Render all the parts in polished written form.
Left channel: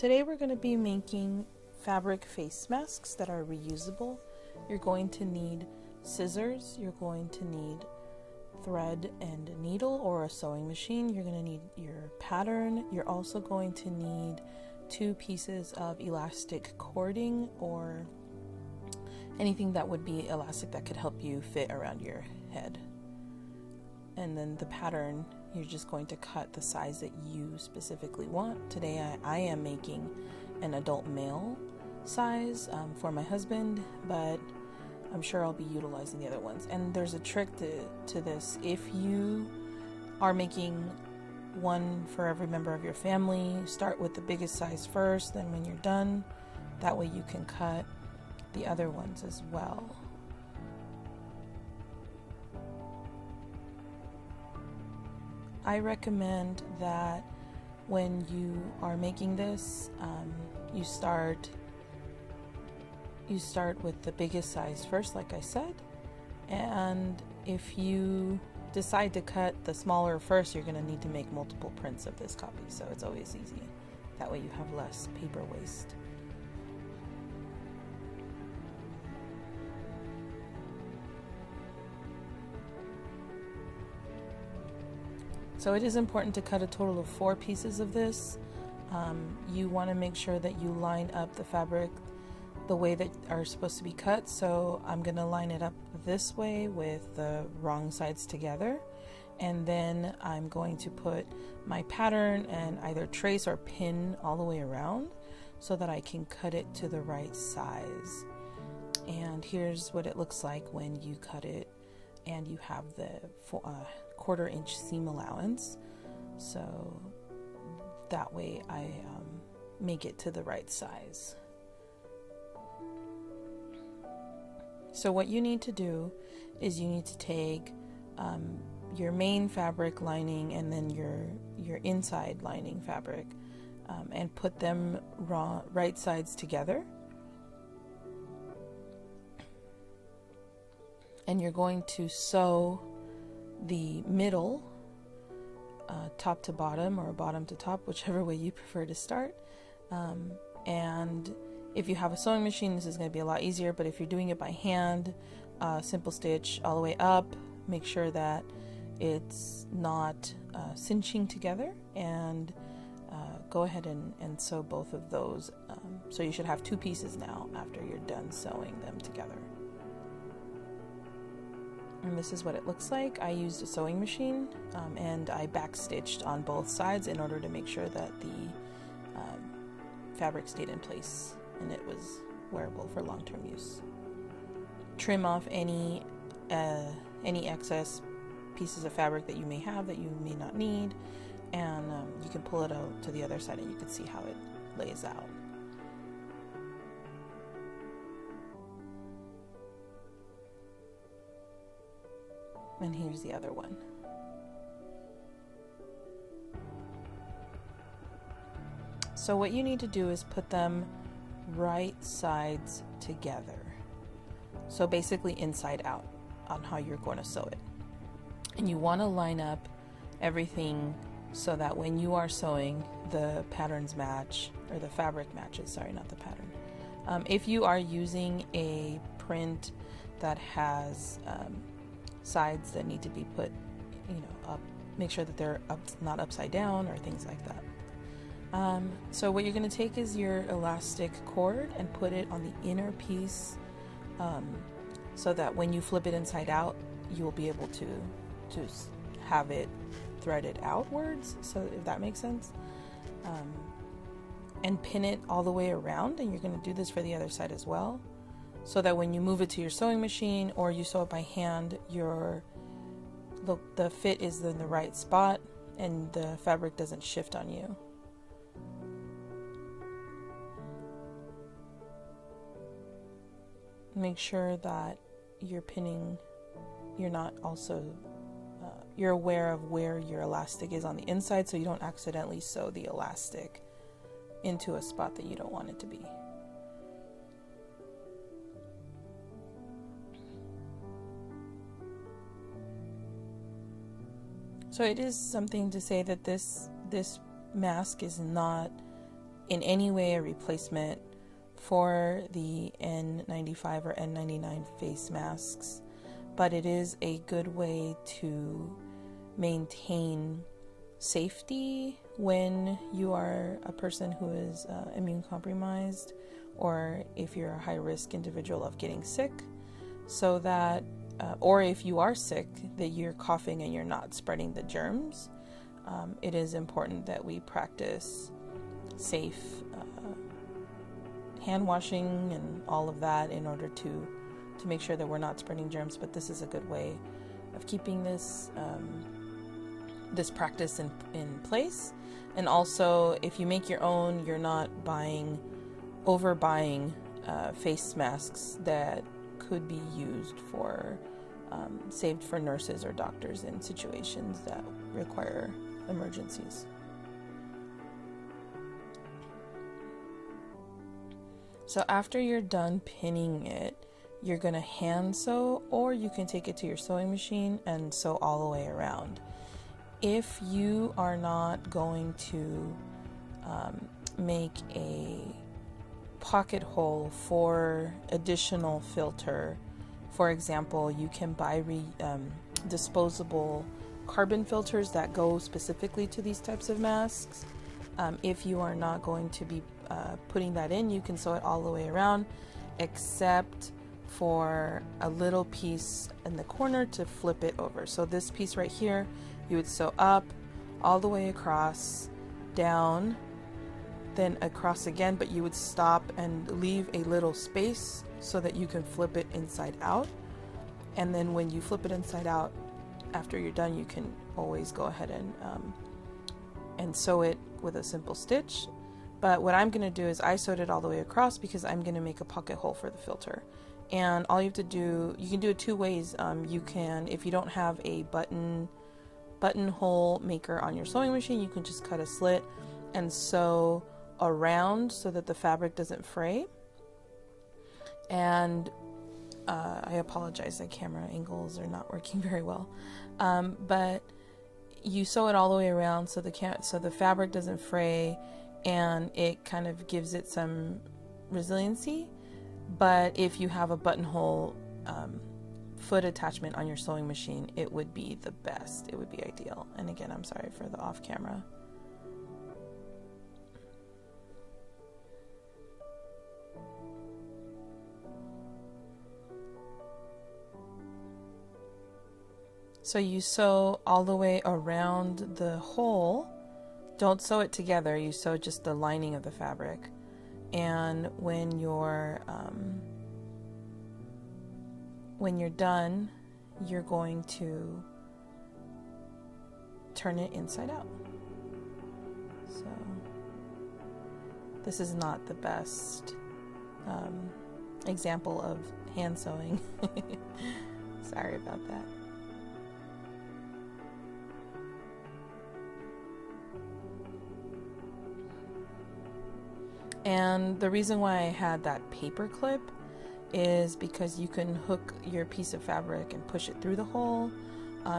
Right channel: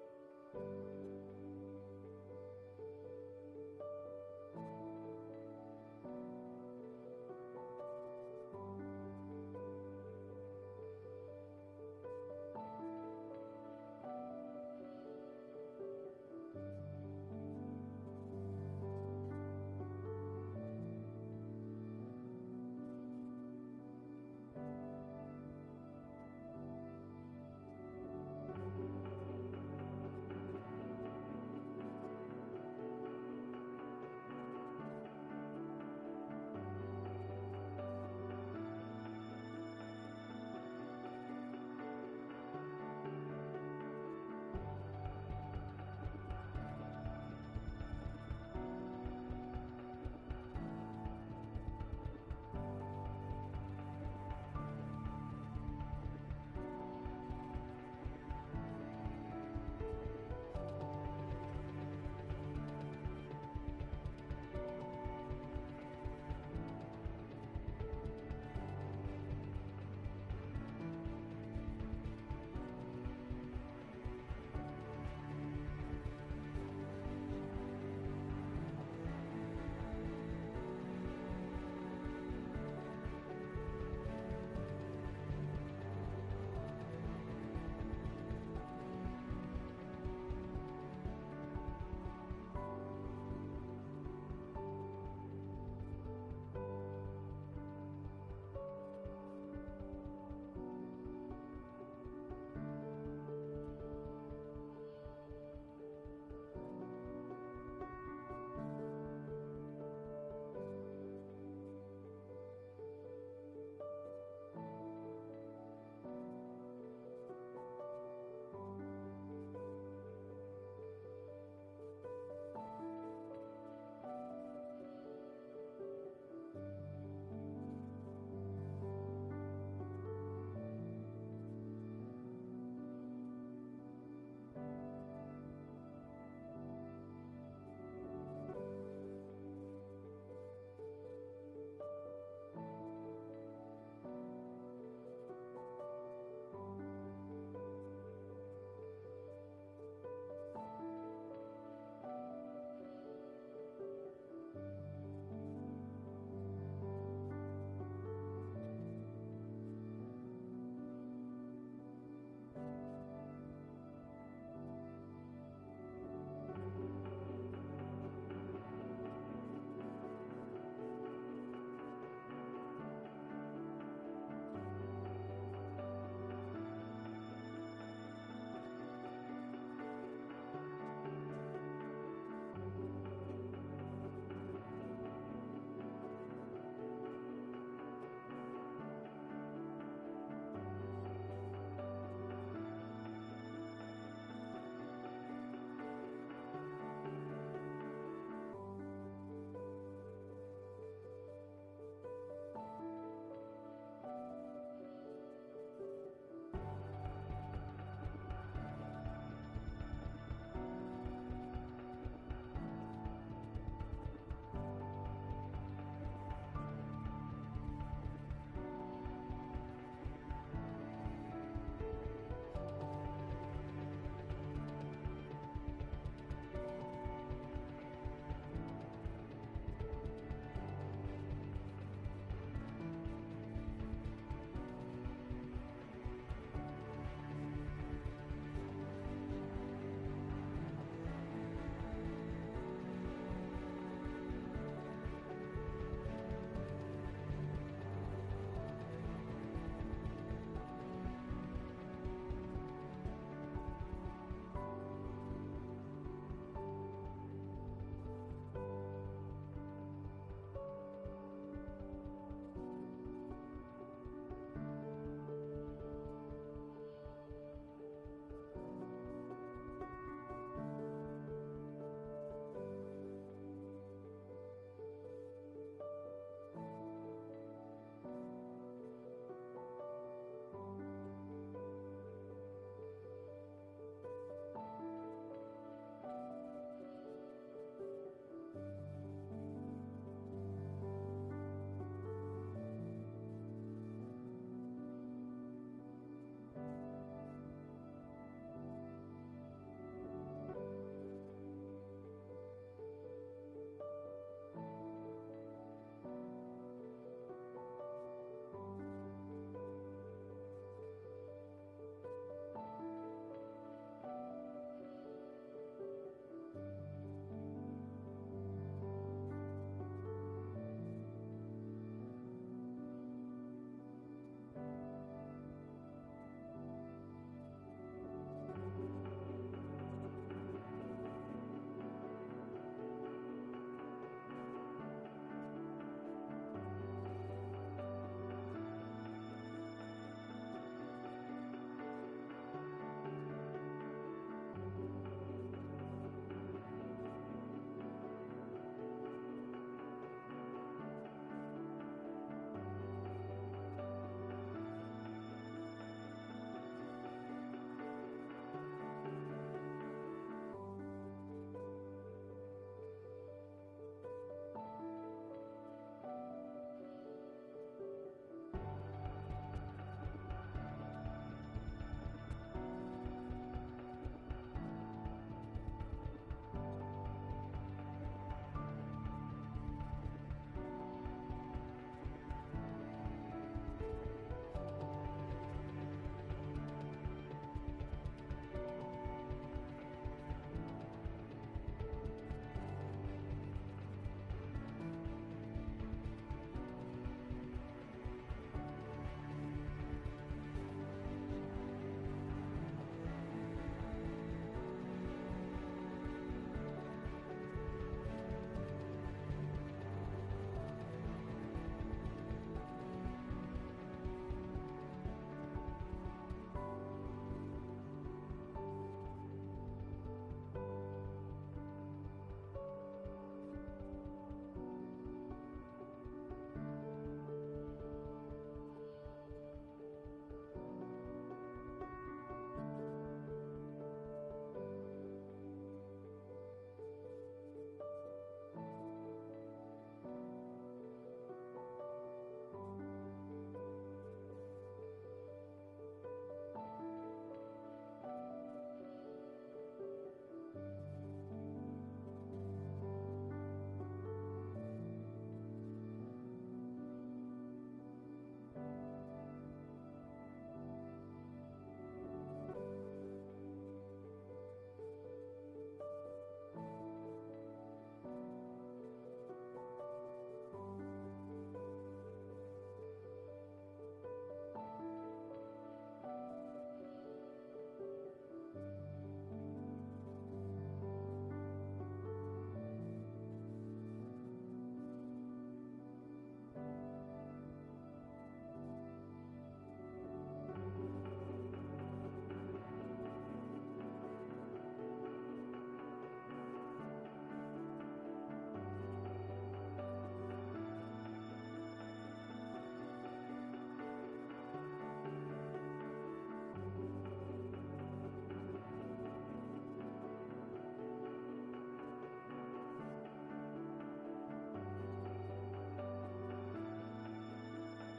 Today we're going to be making fabric face masks that are reusable. You're going to need scissors, you're going to need thread and needle or a sewing machine, you're going to need your pattern, you're also going to need 2 pieces of elastic cording or anything that would be elastic that could help you fit around your head. And then the pattern, you're just going to cut the size that you specifically want. Today I am making an adult male size for my husband, but I'm sure I'll be utilizing the other ones. And there's a trick to this. If you are making one for every member of your family, start with the biggest size first, then when you're done, that way you can cut the other ones as well. I recommend that when you are making this, you start with the biggest size first, like I said, and if you decide to cut the smaller first, you're going to need to make multiple prints of this copy, so it's always easy. That way you have less paper waste. So it is important to cut a total of 4 pieces of this. You want to make sure that you line up the fabric the way that are supposed to be cut. So I'm going to line it up this way with the wrong sides together. And then I'm going to put my pattern and either trace or pin all the way around so that I can cut it to the right size. And here's what it looks like when you cut it and you have the 1/4 inch seam allowance, so that way I make it to the right size. So what you need to do is you need to take your main fabric lining and then your inside lining fabric and put them right sides together, and you're going to sew the middle top to bottom or bottom to top, whichever way you prefer to start. And if you have a sewing machine, this is going to be a lot easier, but if you're doing it by hand, simple stitch all the way up, make sure that it's not cinching together, and go ahead and sew both of those. So you should have 2 pieces now after you're done sewing them together. And this is what it looks like. I used a sewing machine and I backstitched on both sides in order to make sure that the fabric stayed in place and it was wearable for long-term use. Trim off any excess pieces of fabric that you may have that you may not need, and you can pull it out to the other side and you can see how it lays out. And here's the other one. So what you need to do is put them right sides together. So basically inside out on how you're going to sew it. And you want to line up everything so that when you are sewing, the patterns match, or the fabric matches, sorry, not the pattern. If you are using a print that has sides that need to be put, up, make sure that they're up, not upside down or things like that. So what you're going to take is your elastic cord and put it on the inner piece, so that when you flip it inside out, you'll be able to have it threaded outwards, so if that makes sense, and pin it all the way around. And you're going to do this for the other side as well, so that when you move it to your sewing machine or you sew it by hand, the fit is in the right spot and the fabric doesn't shift on you. Make sure that you're pinning, you're aware of where your elastic is on the inside, so you don't accidentally sew the elastic into a spot that you don't want it to be. So it is something to say that this mask is not in any way a replacement for the N95 or N99 face masks, but it is a good way to maintain safety when you are a person who is immune compromised, or if you're a high-risk individual of getting sick, so that or if you are sick, that you're coughing and you're not spreading the germs. It is important that we practice safe hand washing and all of that in order to make sure that we're not spreading germs. But this is a good way of keeping this this practice in place. And also, if you make your own, you're not overbuying face masks that could be used for saved for nurses or doctors in situations that require emergencies. So after you're done pinning it, you're going to hand sew, or you can take it to your sewing machine and sew all the way around. If you are not going to make a pocket hole for additional filter, for example, you can buy disposable carbon filters that go specifically to these types of masks. If you are not going to be putting that in, you can sew it all the way around, except for a little piece in the corner to flip it over. So this piece right here, you would sew up all the way across, down, then across again, but you would stop and leave a little space so that you can flip it inside out. And then when you flip it inside out, after you're done, you can always go ahead and sew it with a simple stitch. But what I'm going to do is I sewed it all the way across because I'm going to make a pocket hole for the filter. And all you have to do, you can do it two ways. You can, if you don't have a buttonhole maker on your sewing machine, you can just cut a slit and sew around so that the fabric doesn't fray. And I apologize, the camera angles are not working very well, but you sew it all the way around so the fabric doesn't fray, and it kind of gives it some resiliency. But if you have a buttonhole foot attachment on your sewing machine, it would be the best. It would be ideal. And again, I'm sorry for the off camera. So you sew all the way around the hole. Don't sew it together. You sew just the lining of the fabric. And when you're done, you're going to turn it inside out. So this is not the best example of hand sewing. Sorry about that. And the reason why I had that paper clip is because you can hook your piece of fabric and push it through the hole.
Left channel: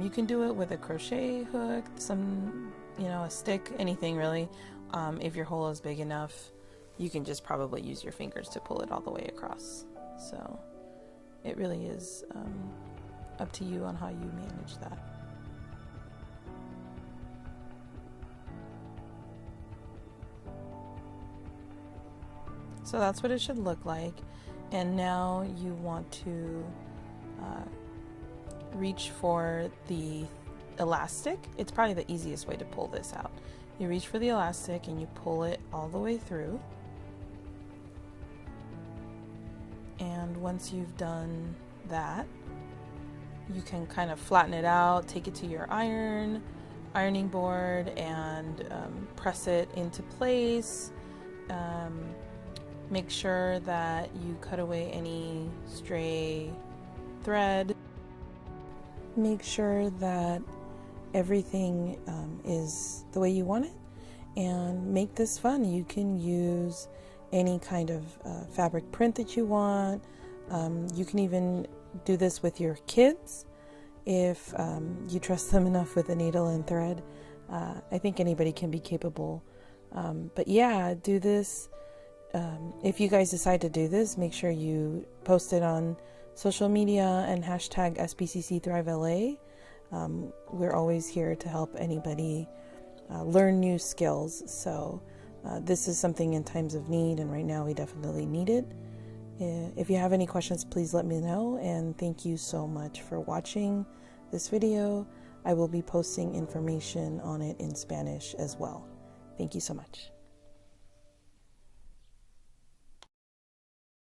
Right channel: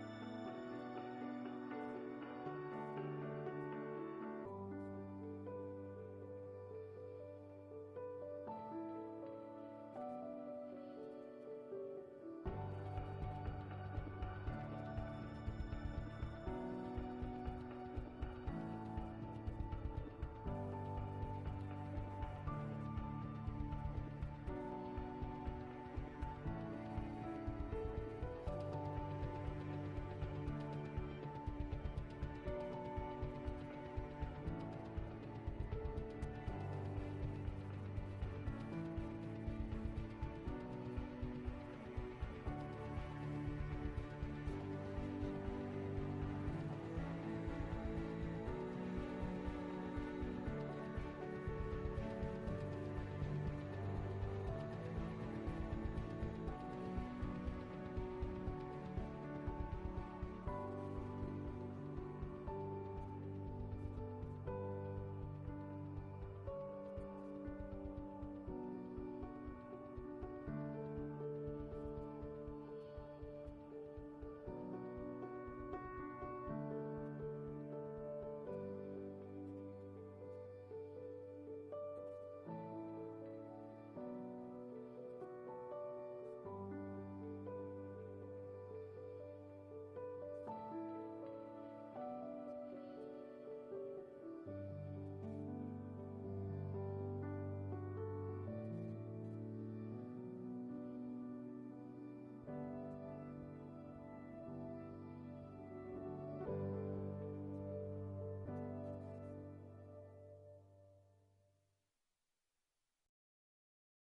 You can do it with a crochet hook, a stick, anything really. If your hole is big enough, you can just probably use your fingers to pull it all the way across. So it really is up to you on how you manage that. So that's what it should look like. And now you want to reach for the elastic. It's probably the easiest way to pull this out. You reach for the elastic and you pull it all the way through. And once you've done that, you can kind of flatten it out, take it to your ironing board, and press it into place. Make sure that you cut away any stray thread. Make sure that everything is the way you want it, and make this fun. You can use any kind of fabric print that you want. You can even do this with your kids if you trust them enough with a needle and thread. I think anybody can be capable But yeah, do this. If you guys decide to do this, make sure you post it on social media and hashtag SBCC Thrive LA. We're always here to help anybody learn new skills. So this is something in times of need, and right now we definitely need it. If you have any questions, please let me know, and thank you so much for watching this video. I will be posting information on it in Spanish as well. Thank you so much.